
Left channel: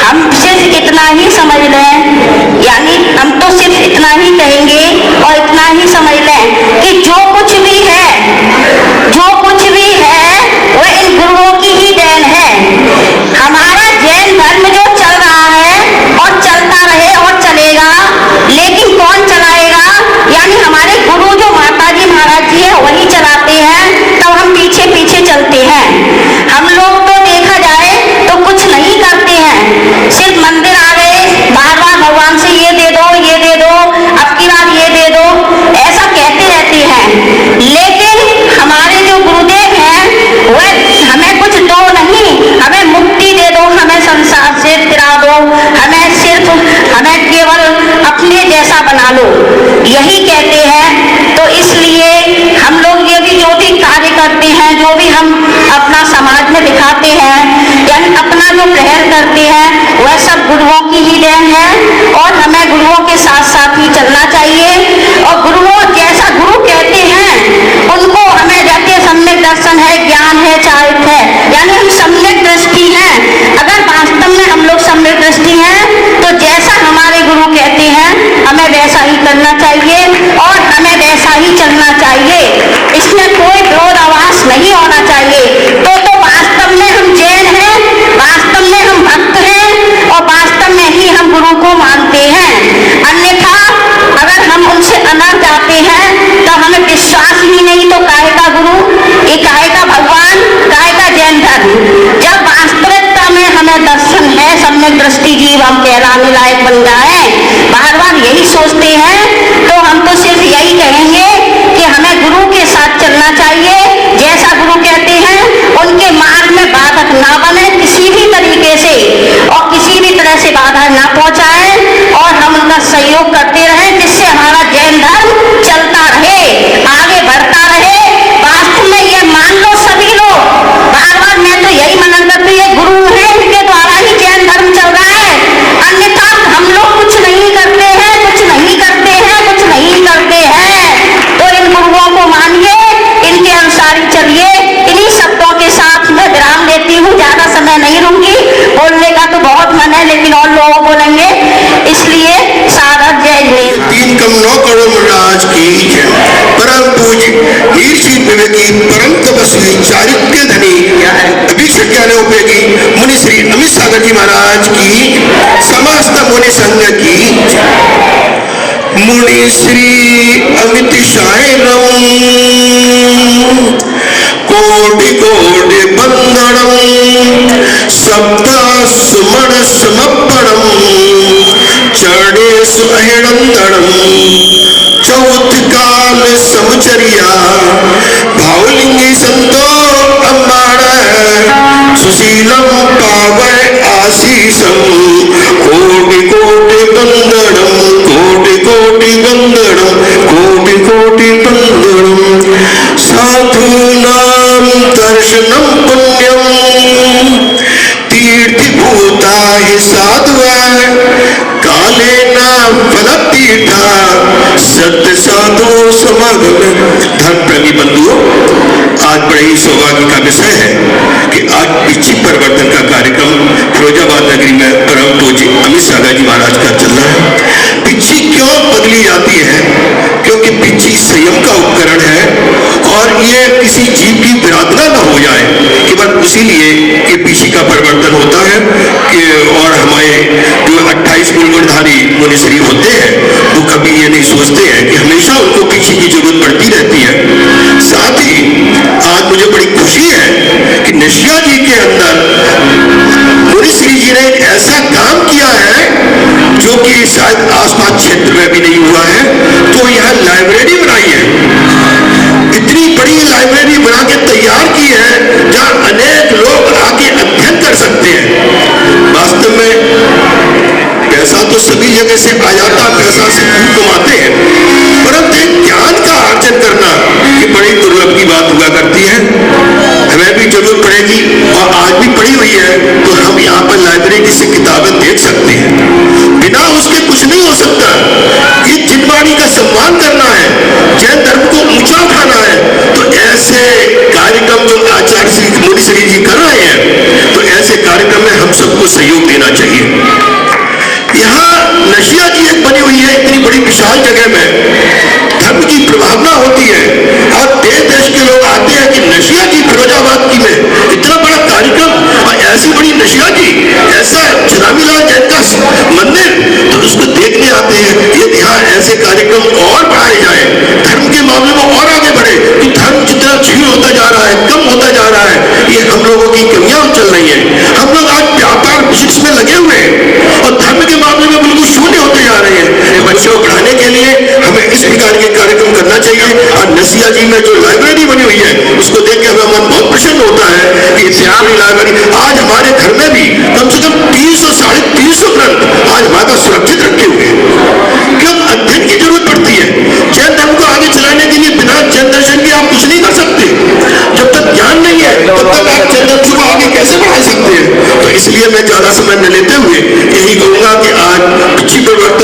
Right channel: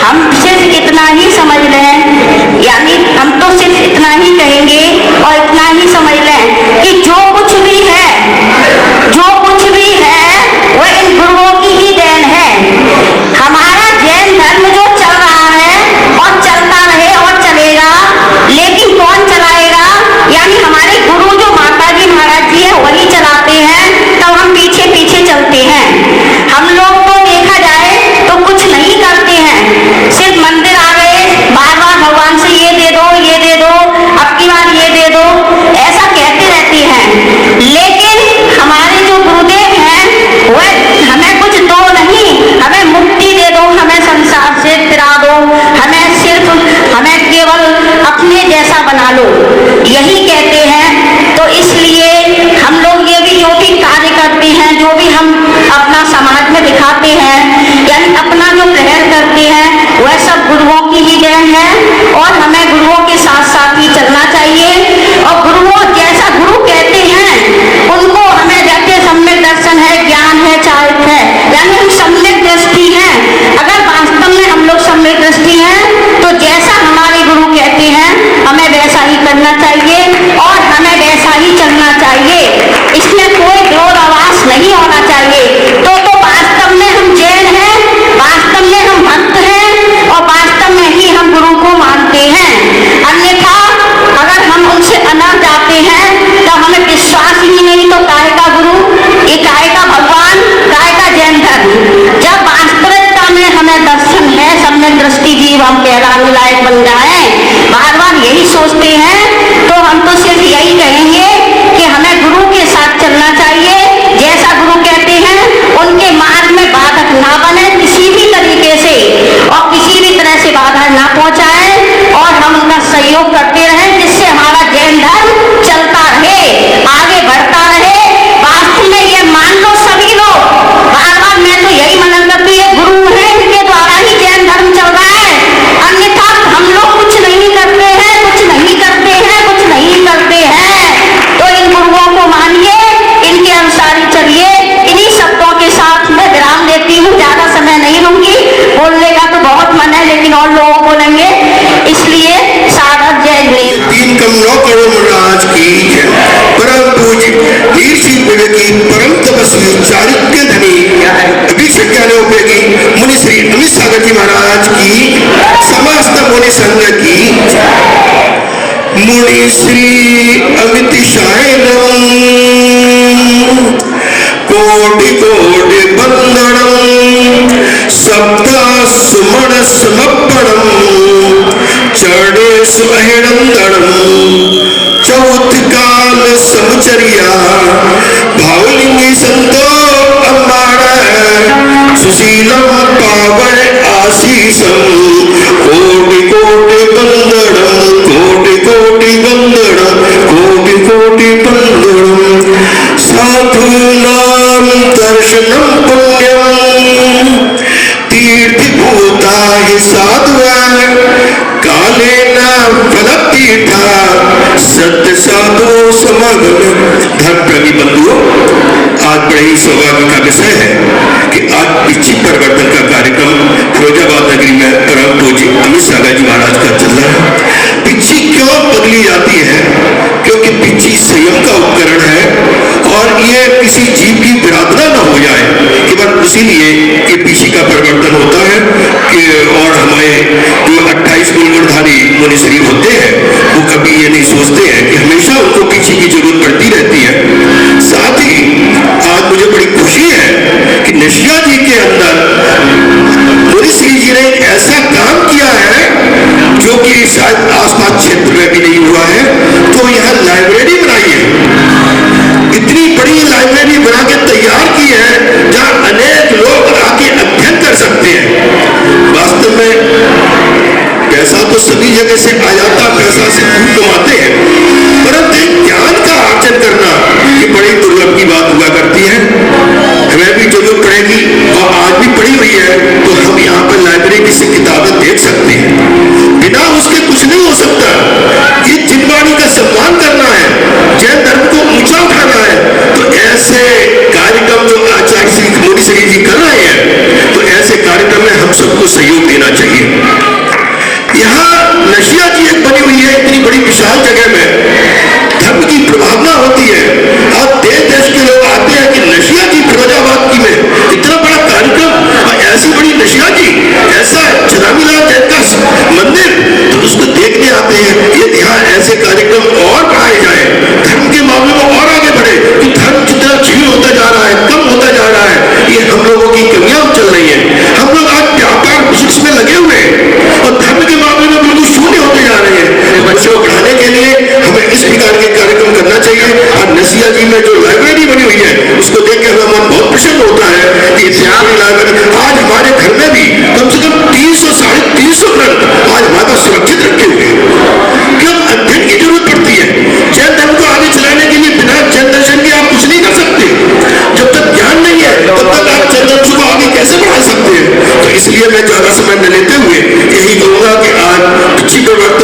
हम सिर्फ इतना ही समझ लें, यानी हम तो सिर्फ इतना ही कहेंगे और इतना ही समझ लें कि जो कुछ भी है वह इन गुरुओं की ही देन है। हमारा जैन धर्म जो चल रहा है और चलता रहे और चलेगा, लेकिन कौन चलाएगा? यानी हमारे गुरु जो माता जी महाराज जी है वही चलाते हैं, तब हम पीछे पीछे चलते हैं। हम लोग तो देखा जाए तो कुछ नहीं करते हैं, सिर्फ मंदिर आ गए, बार बार भगवान से ये दे दो, अब की बार ये और हमें गुरुओं के साथ साथ ही चलना चाहिए। और गुरुओं जैसा गुरु कहते हैं उनको हमें जैसे सम्यक दर्शन है, ज्ञान है, चारित है, यानी हम सम्यक दृष्टि हैं। अगर वास्तव में हम लोग सम्यक दृष्टि हैं तो जैसा हमारे गुरु कहते हैं हमें वैसा ही करना चाहिए और हमें वैसा ही चलना चाहिए। इसमें कोई विरोधाभास नहीं होना चाहिए। तो वास्तव में हम जैन हैं, वास्तव में हम भक्त हैं और वास्तव में ही हम गुरु को मानते हैं। अन्यथा अगर हम उनसे अनर जाते हैं तो हमें विश्वास ही नहीं, तो काहे का गुरु, ये काहे का भगवान, काहे का जैन धर्म। जब वास्तविकता में हमें दर्शन है, सम्यक दृष्टि जीव हम कहलाने लायक बन जाए, बार बार यही सोचते हैं, तो हम तो सिर्फ यही कहेंगे कि हमें गुरु के साथ चलना चाहिए। जैसा गुरु कहते हैं उनके मार्ग में बाधक ना बने किसी भी तरीके से, और किसी भी तरह से बाधा ना पहुंचाए, और हम उनका सहयोग करते रहें, जिससे हमारा जैन धर्म चलता रहे, आगे बढ़ता रहे। वास्तव में ये मान लो सभी लोग, बार बार मैं तो यही मनन करती हूँ, गुरु है उनके द्वारा ही जैन धर्म चल रहा है। अन्यथा हम लोग कुछ नहीं करते हैं, कुछ नहीं करते हैं, कुछ नहीं करते हैं। तो इन गुरुओं को मानिए, इनके अनुसार ही चलिए। इन्हीं शब्दों के साथ मैं विराम देती हूँ, ज्यादा समय नहीं लूंगी, बोलने का तो बहुत मन है लेकिन और लोग बोलेंगे, इसलिए सागर जय हिंद। 3 कम 9 करोड़ राज की जय। परम पूज्य वीर सिंह विवेकी परम तपस्वी चारित्र्य धनी अभिषेक ज्ञानोपयोगी मुनि श्री अमित सागर जी महाराज की, समस्त मुनि संघ की जय। मुनि श्री अमित शायनम कोटि कोटि बंदनम सप्त सुमन समर्पणम चढ़े सुअहिणंदनम चौथ काल समचरिया भावलिंगी संतो अम्बाड़ सुशीलम पावय आशीषम कोटि कोटि बंदनम कोटि कोटि बंदनम कोटि कोटि बंदनम साधु नाम दर्शनम पुण्यम तीर्थभूता हि साधुआ काले नाम फलतीर्था सत्य साधु समागम। धर्म प्रेमी बंधुओं, आज बड़े ही सौभाग्य का विषय है कि आज पिछी परिवर्तन का कार्यक्रम फिरोजाबाद नगरी में परम पूज्य अमित सागर जी महाराज का चल रहा है। पिछी क्यों बदली जाती है? क्योंकि पिछी संयम का उपकरण है और ये किसी जीव की विराधना न हो जाए, केवल इसीलिए ये पीछी का परिवर्तन होता है कि और हमारे जो 28 गुणधारी मुनि शरीर होते हैं वो कभी ये नहीं सोचते हैं कि हमेशा उनको पीछी की जरूरत पड़ती रहती है। साथ ही आज मुझे बड़ी खुशी है कि नशिया जी के अंदर मुनि श्री जी ने ऐसा काम किया है जो कि शायद आसपास क्षेत्र में भी नहीं हुआ है। तो यहाँ लाइब्रेरी बनाई है, इतनी बड़ी लाइब्रेरी बना के तैयार की है जहाँ अनेक लोग आके अध्ययन कर सकते हैं। वास्तव में पैसा तो सभी जगह से आ जाता, पैसा से खूब कमाते हैं, परंतु ज्ञान का अर्जन करना ये बड़ी दुर्लभ की बात हुआ करती है। हमें भी जरूरत पड़ेगी और आज भी पड़ी हुई है, तो हम यहाँ पर लाइब्रेरी से किताबें देख सकते हैं। बिना उसके कुछ नहीं हो सकता। ये जिनवाणी का सम्मान करना है, जैन धर्म को ऊंचा उठाना है, तो ऐसे कार्यक्रम जो आचार्य श्री मुनि श्री जी कर रहे हैं, तो ऐसे कार्यक्रम में हम सबको सहयोग देना चाहिए। यहाँ नशिया जी एक बनी हुई है, इतनी बड़ी विशाल जगह में धर्म की प्रभावना होती है और देश देश के लोग आते हैं कि नशिया जी फिरोजाबाद की में इतना बड़ा कार्यक्रम और ऐसी बड़ी नशिया जी, ऐसा चनामीलाल जैन का मंदिर, तो उसको देखने आते हैं। ये यहाँ ऐसे कार्यक्रम और बढ़ाए जाए, धर्म के मामले में और आगे बढ़े, कि धर्म जितना क्षीण होता जा रहा है, कम होता जा रहा है, ये हम लोगों की कमियां चल रही है। हम लोग आज व्यापार बिजनेस में लगे हुए हैं और धर्म के मामले में बिल्कुल शून्य होते जा रहे हैं। बच्चों को पढ़ाने के लिए हमें इस प्रकार के कार्यक्रम करना चाहिए। और नसिया जी में जो लाइब्रेरी बनी हुई है उसको देख के हमें मन बहुत प्रसन्न होता है कि इतिहास लाइब्रेरी आज हमारे घर में भी कम से कम 300-350 ग्रंथ आज हमारे पास सुरक्षित रखे हुए हैं। क्यों? अध्ययन की जरूरत पड़ती है। जैन धर्म को आगे चलाने के लिए बिना जैन दर्शन के आप कुछ नहीं कर सकते। जब तक ज्ञान नहीं है तब तक आप जैन दर्शन को आगे कैसे बढ़ा सकते हैं? तो इसलिए मैं ज्यादा समय न लेते हुए यही कहूंगा कि आज अच्छी परिवर्तन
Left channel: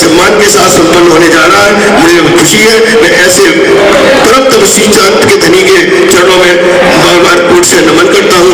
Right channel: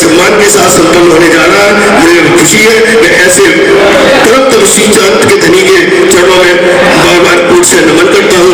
सम्मान के साथ संपन्न होने जा रहा है। मुझे खुशी है, मैं ऐसे तरफ तरफ सिंचांत के धनी के चरणों में बार बार कोट से नमन करता हूँ।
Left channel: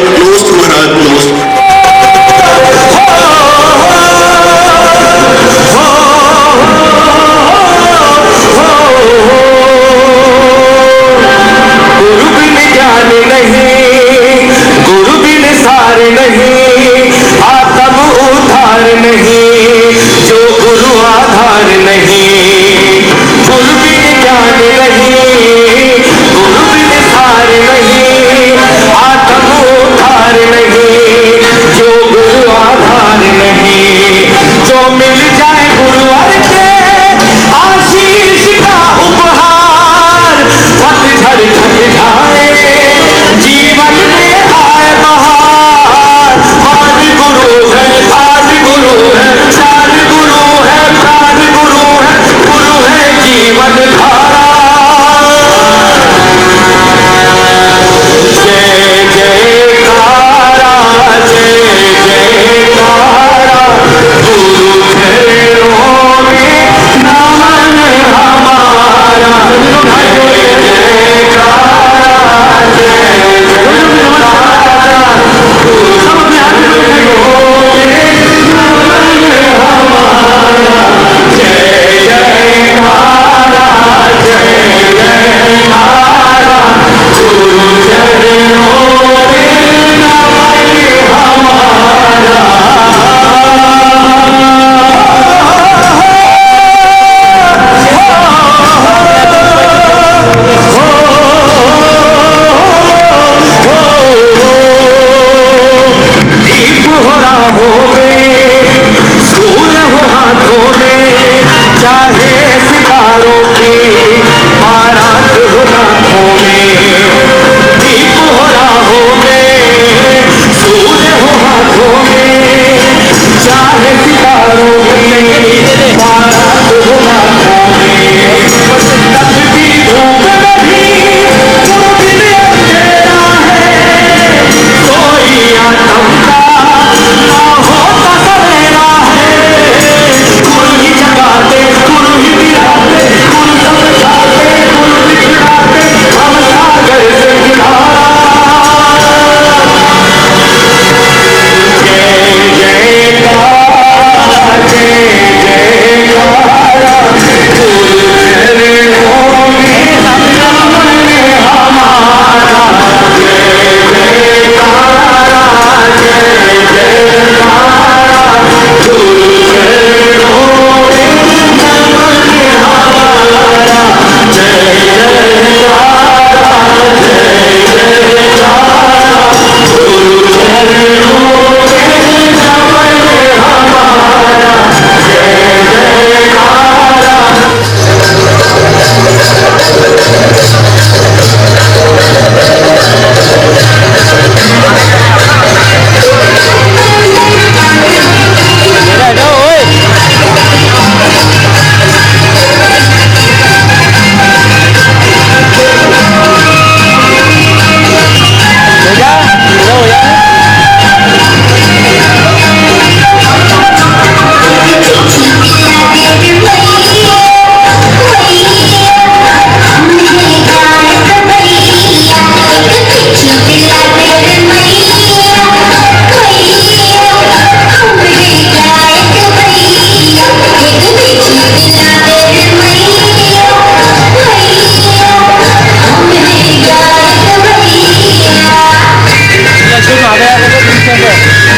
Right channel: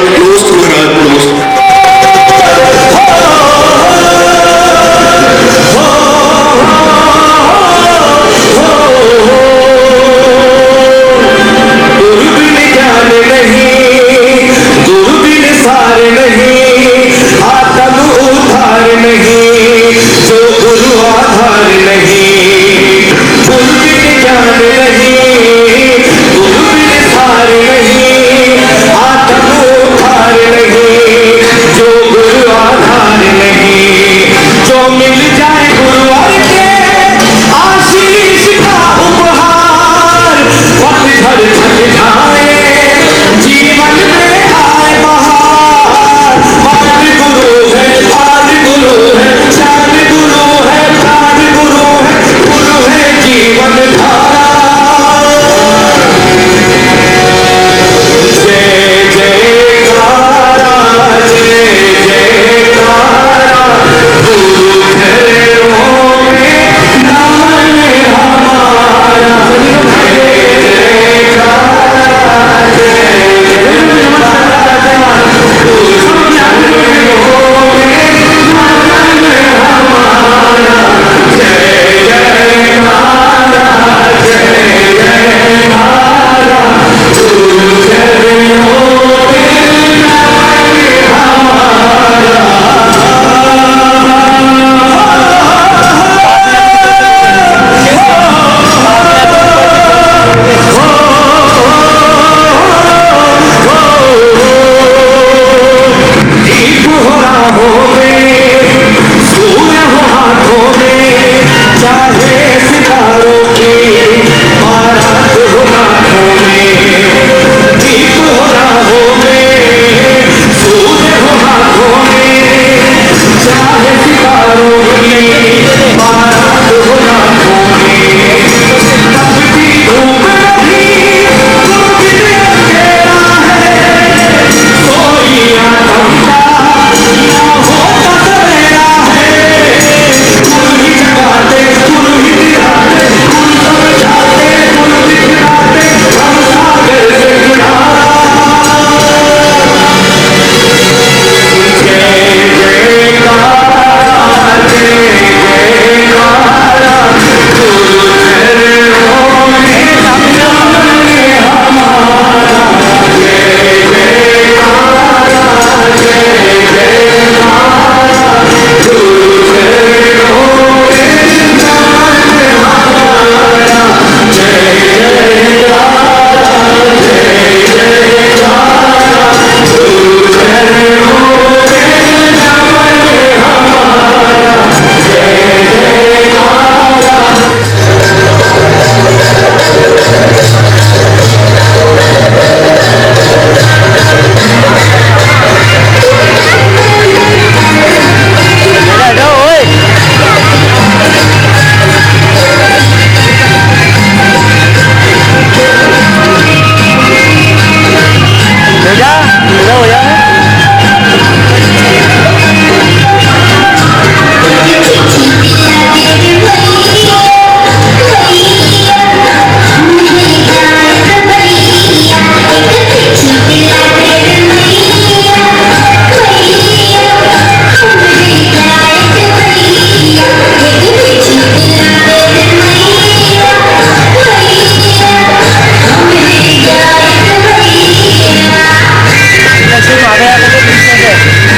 नमस्कार महाराज, नमस्कार।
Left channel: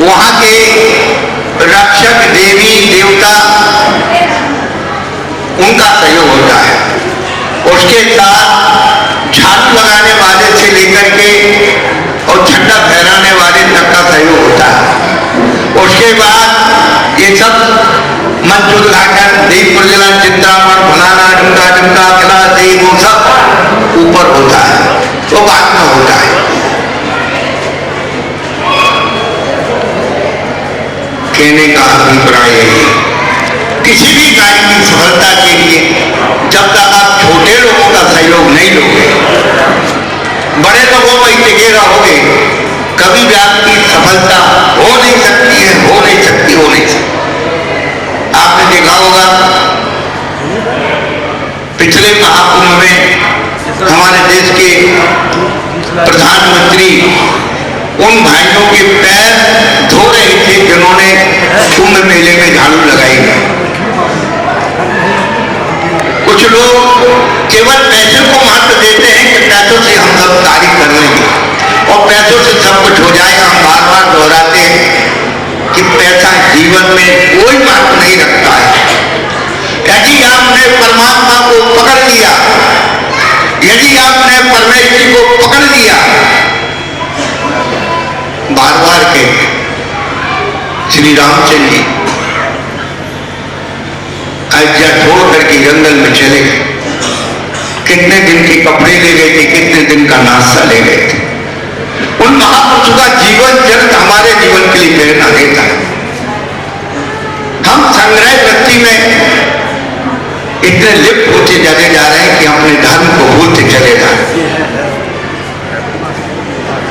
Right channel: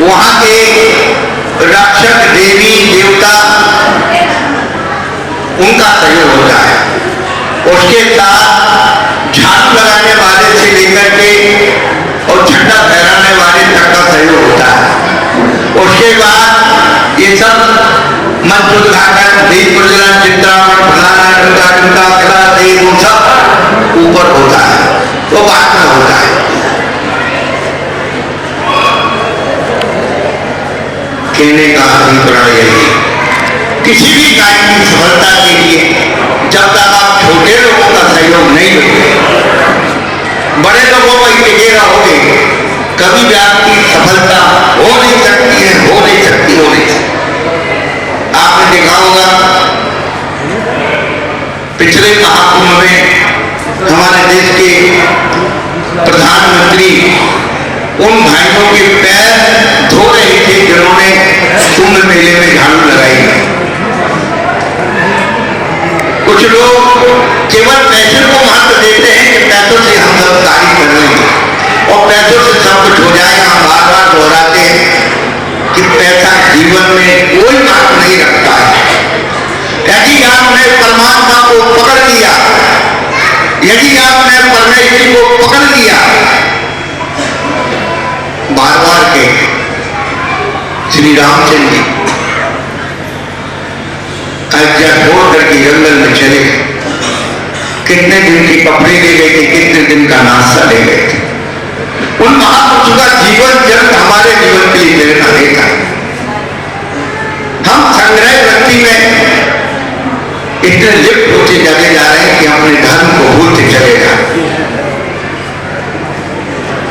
वहां के रक्षक देवी देवता उनका सहयोग होता है। उसके साथ झाड़ू लगाने वाले से लेकर के और झंडा फहराने वाले तक का सहयोग होता है। उसके बाद ये सब मंच उद्घाटन, दीप प्रज्वलन, चिंतामण, फलाना ढुका ढुका खड़ा दही, वो सब ऊपर होता है, वो बाद में होता है। कहने का अभिप्राय यही, किसी भी कार्य की सफलता के लिए जब तक आप छोटे लोगों का सहयोग नहीं लोगे, बड़े लोगों को टिके रहोगे, कभी भी आपकी सफलता हो नहीं सकती है, हो नहीं सकती। आपने देखा होगा पिछले महाकुंभ में हमारे देश के प्रधानमंत्री उन भाइयों के पैर धो रहे थे जिन्होंने कुंभ मेले में झाड़ू लगाई। कुछ लोग केवल पैसे को महत्व देते हैं कि पैसों से हम सब कार्य कर रहे हैं और पैसों से सब कुछ हो जाएगा। हम बार बार दोहराते हैं कि पैसा जीवन में कोई बात नहीं रखता है। यदि आपने परमात्मा को पकड़ लिया, यदि आपने परमेश्वर को पकड़ लिया, बार बार के श्री रामचंद्र जी अयोध्या छोड़ करके जंगल में चले गए। कितने दिन के कपड़े ले गए थे, कितने दिन का नाश्ता ले गए थे। उन महापुरुषों का जीवन चरित्र हमारे जीवन के लिए प्रेरणा देता है। हम संग्रह वृत्ति में इतने लिप्त होते चले जा रहे हैं कि अपने धर्म को भूलते चले जा रहे हैं।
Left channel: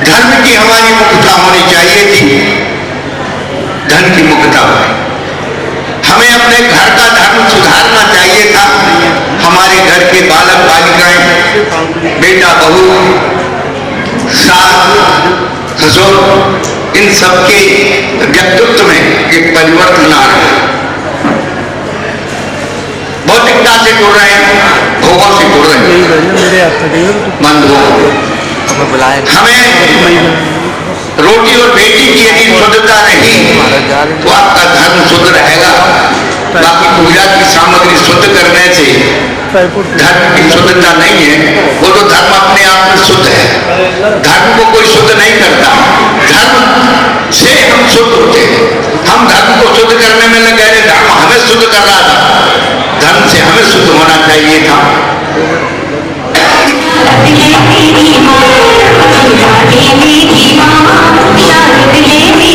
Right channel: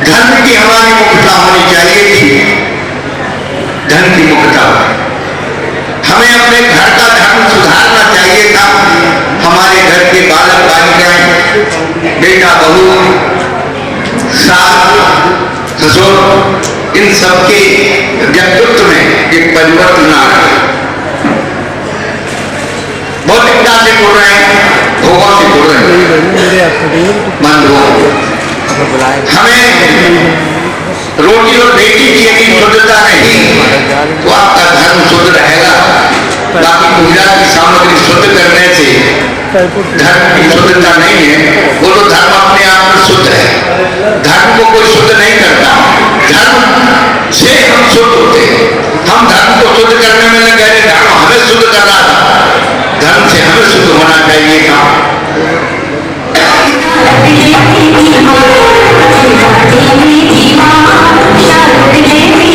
धर्म की हमारी मुख्यता होनी चाहिए थी, धर्म की मुख्यता। हमें अपने घर का धर्म सुधारना चाहिए था। हमारे घर के बालक बालिकाएं, बेटा बहू, सास ससुर, इन सबके व्यक्तित्व में एक परिवर्तन आ रहा है। भौतिकता से जुड़ रहे हैं, भोगों से जुड़ रहे हैं। हमें रोटी और बेटी की यदि शुद्धता नहीं तो आपका धर्म शुद्ध रहेगा। बाकी पूजा की सामग्री शुद्ध करने से धर्म की शुद्धता नहीं है, वो तो धर्म अपने आप में शुद्ध है। धर्म को कोई शुद्ध नहीं करता, धर्म से हम शुद्ध होते हैं। हम धर्म को शुद्ध करने में लगे, धर्म हमें शुद्ध कर रहा था, धर्म से हमें शुद्ध होना चाहिए था। देवी